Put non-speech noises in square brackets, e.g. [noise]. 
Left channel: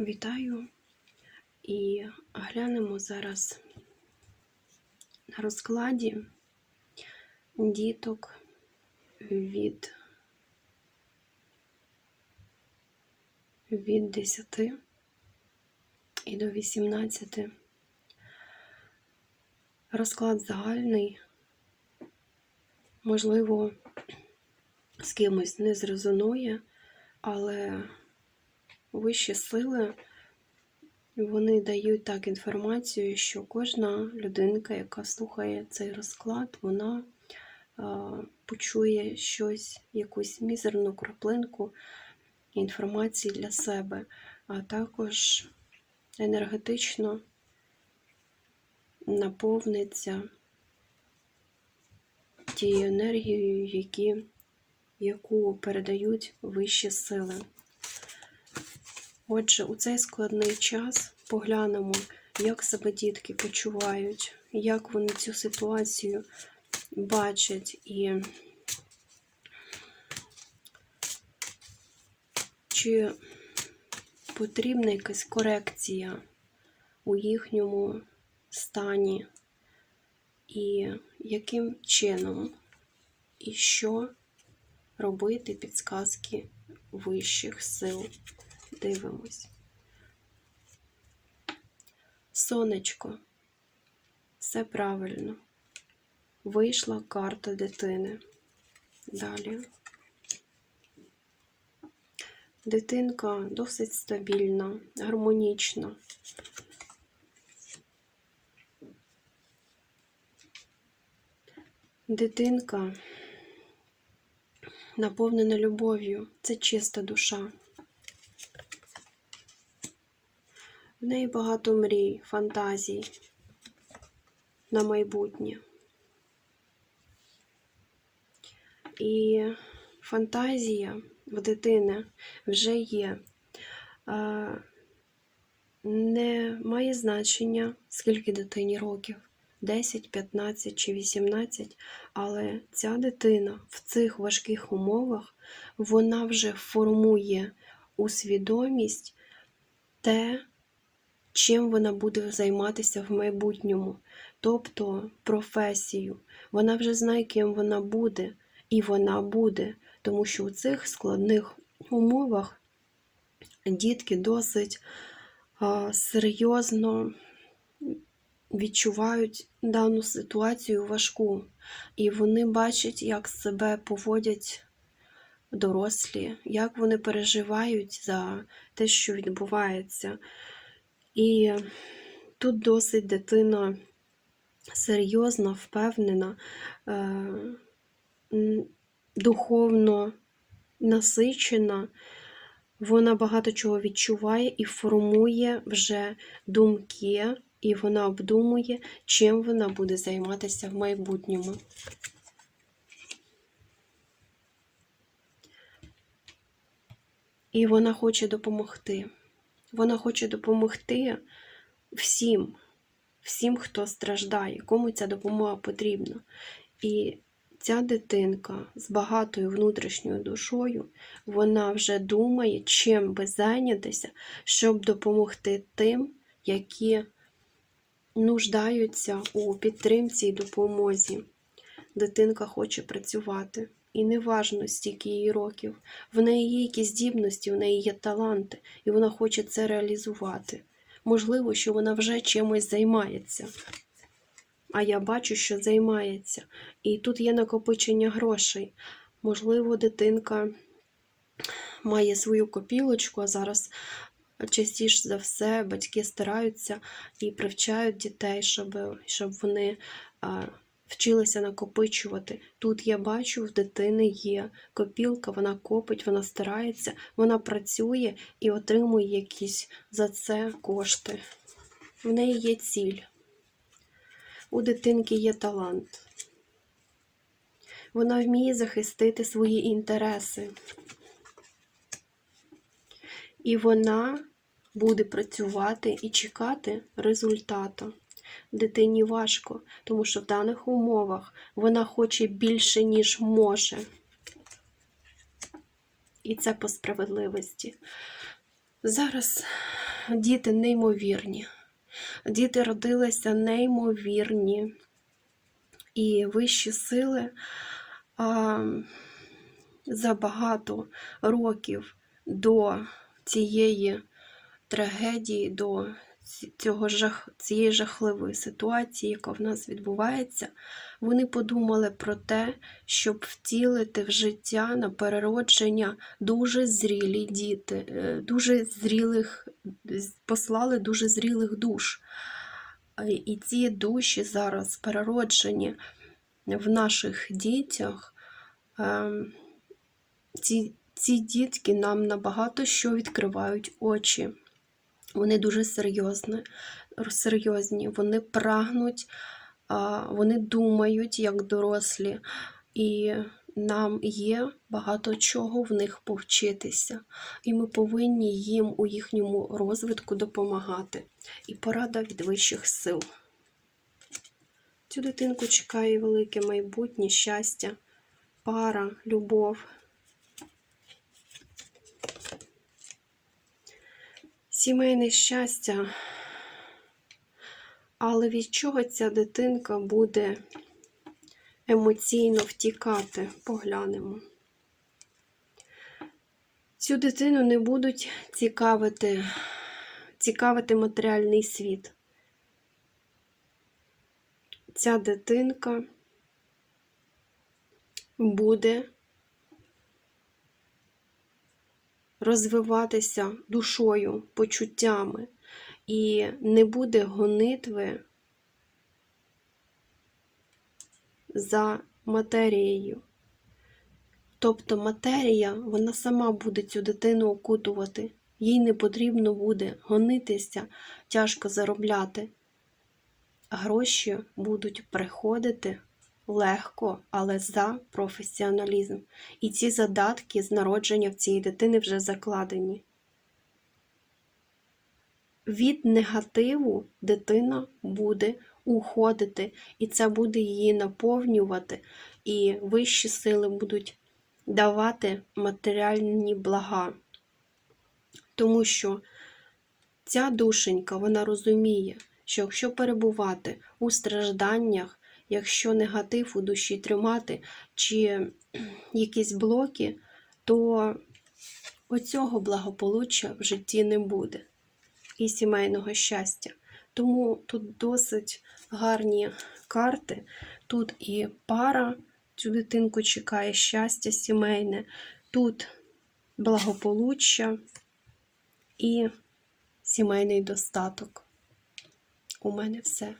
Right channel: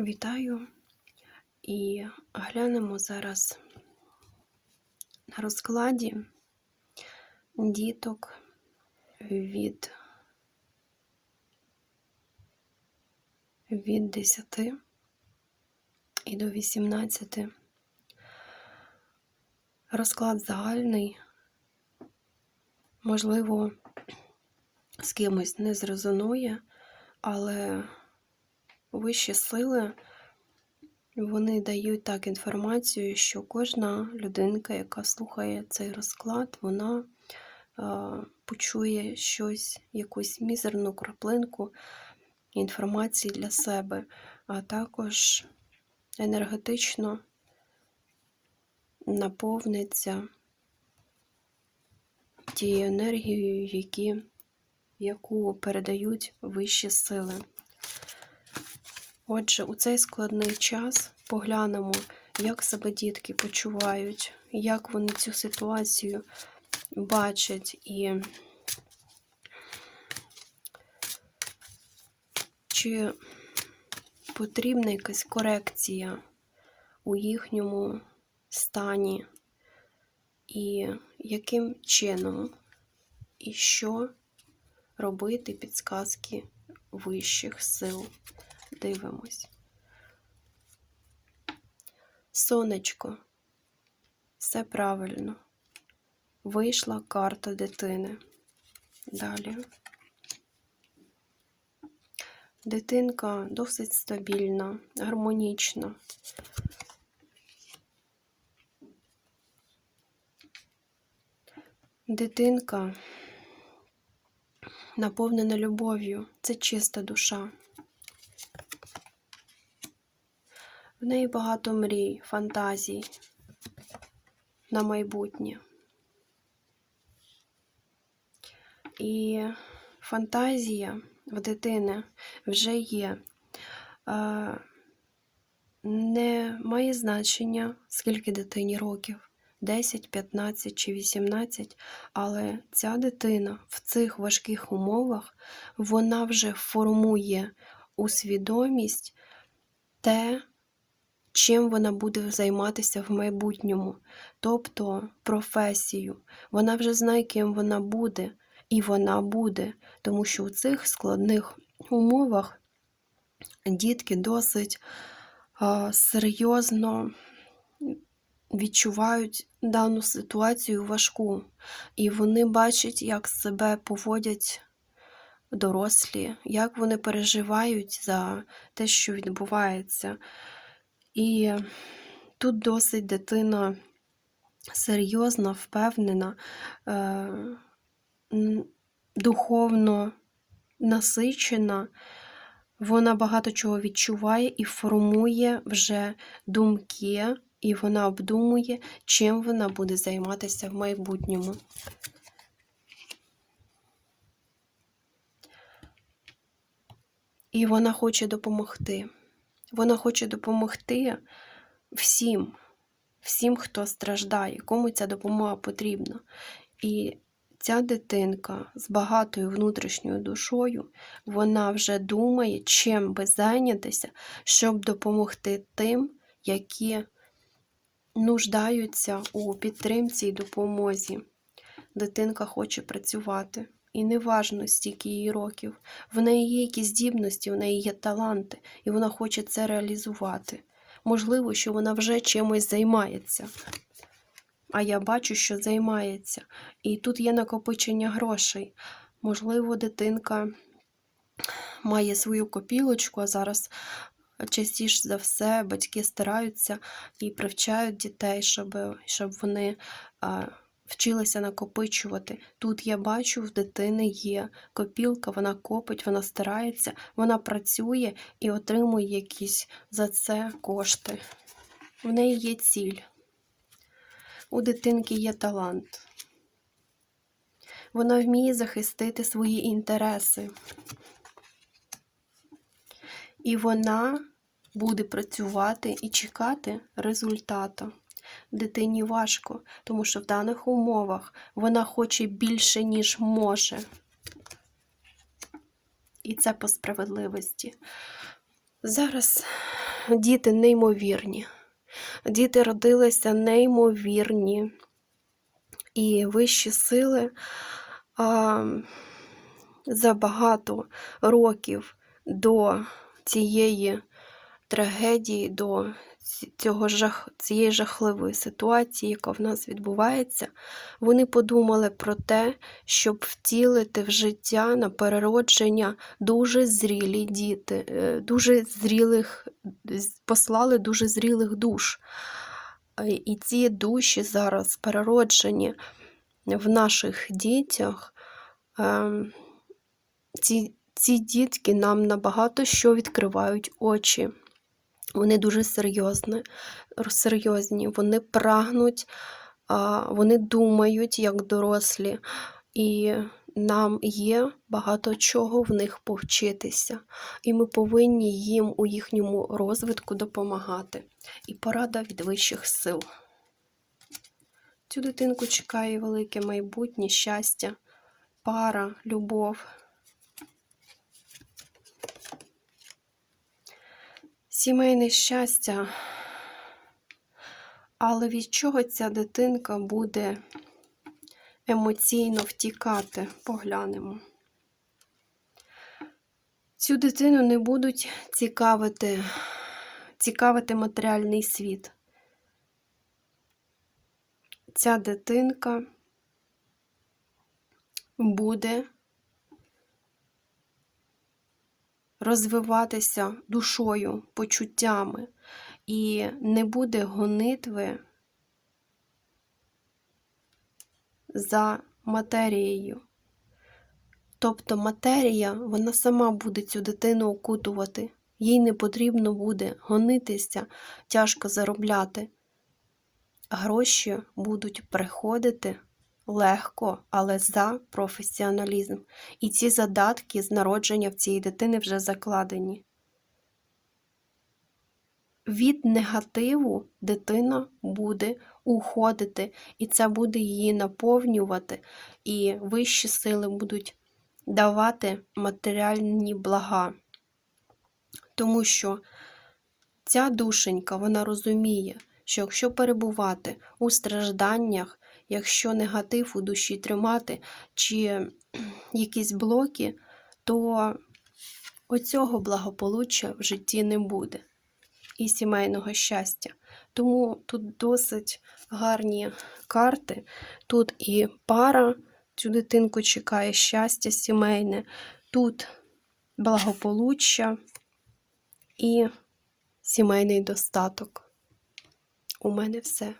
Вітаю і глянемо зараз на розкладі діток від, від 10 і до 18. Розклад загальний, можливо, з кимось не зрезонує, але вищі сили вони дають так інформацію, що кожна людинка, яка слухає цей розклад, вона е, почує щось, якусь мізерну краплинку інформації для себе, а також енергетично наповниться тією енергією, які, яку передають вищі сили. Отже, у цей складний час поглянемо, як себе дітки почувають, як вони цю ситуацію бачать і чи потрібна якась корекція у їхньому стані, і яким чином, і що робити підсказки вищих сил. Дивимось. Сонечко. Все правильно. Вийшла карта дитини. Далі. Дитинка досить стабільна, гармонічна. Дитинка наповнена любов'ю. Це чиста душа. В неї багато мрій, фантазій на майбутнє. І фантазія в дитини вже є. Не має значення, скільки дитині років 10, 15 чи 18, але ця дитина в цих важких умовах вона вже формує у свідомість те, чим вона буде займатися в майбутньому, тобто професію. Вона вже знає, ким вона буде, і вона буде, тому що у цих складних умовах дітки досить а, серйозно відчувають дану ситуацію важку, і вони бачать, як себе поводять дорослі, як вони переживають за те, що відбувається. І тут досить дитина серйозна, впевнена, е, духовно насичена, вона багато чого відчуває і формує вже думки, і вона обдумує, чим вона буде займатися в майбутньому. І вона хоче допомогти. Вона хоче допомогти всім, всім, хто страждає, кому ця допомога потрібна. І ця дитинка з багатою внутрішньою душою, вона вже думає, чим би зайнятися, щоб допомогти тим, які нуждаються у підтримці і допомозі. Дитинка хоче працювати. І не важно, стільки її років. В неї є якісь здібності, в неї є таланти, і вона хоче це реалізувати. Можливо, що вона вже чимось займається. А я бачу, що займається. І тут є накопичення грошей. Можливо, дитинка має свою копілочку, а зараз частіше за все батьки стараються і привчають дітей, щоб, щоб вони вчилися накопичувати. Тут я бачу, в дитини є копілка, вона копить, вона старається, вона працює і отримує якісь за це кошти. В неї є ціль. У дитинки є талант. Вона вміє захистити свої інтереси. І вона буде працювати і чекати результату. Дитині важко, тому що в даних умовах вона хоче більше, ніж може. І це по справедливості. Зараз діти неймовірні. Діти родилися неймовірні. І вищі сили а, за багато років до цієї трагедії, до цього жах, цієї жахливої ситуації, яка в нас відбувається, вони подумали про те, щоб втілити в життя на переродження дуже зрілі діти, е, дуже зрілих, послали дуже зрілих душ. Е, І ці душі зараз перероджені в наших дітях. ем, Ці, ці дітки нам набагато що відкривають очі. Вони дуже серйозні, серйозні. вони прагнуть, вони думають як дорослі, і нам є багато чого в них повчитися. І ми повинні їм у їхньому розвитку допомагати. І порада від вищих сил. Цю дитинку чекає велике майбутнє, щастя, пара, любов. Сімейне щастя. Але від чого ця дитинка буде емоційно втікати? Поглянемо. Цю дитину не будуть цікавити, цікавити матеріальний світ. Ця дитинка буде розвиватися душою, почуттями, і не буде гонитви за матерією. Тобто матерія, вона сама буде цю дитину окутувати. Їй не потрібно буде гонитися, тяжко заробляти. Гроші будуть приходити легко, але за професіоналізм. І ці задатки з народження в цієї дитини вже закладені. Від негативу дитина буде уходити, і це буде її наповнювати, і вищі сили будуть давати матеріальні блага. Тому що ця душенька, вона розуміє, що якщо перебувати у стражданнях, якщо негатив у душі тримати, чи [clears throat] якісь блоки, то оцього благополуччя в житті не буде і сімейного щастя. Тому тут досить гарні карти. Тут і пара, цю дитинку чекає щастя сімейне, тут благополуччя і сімейний достаток. У мене все.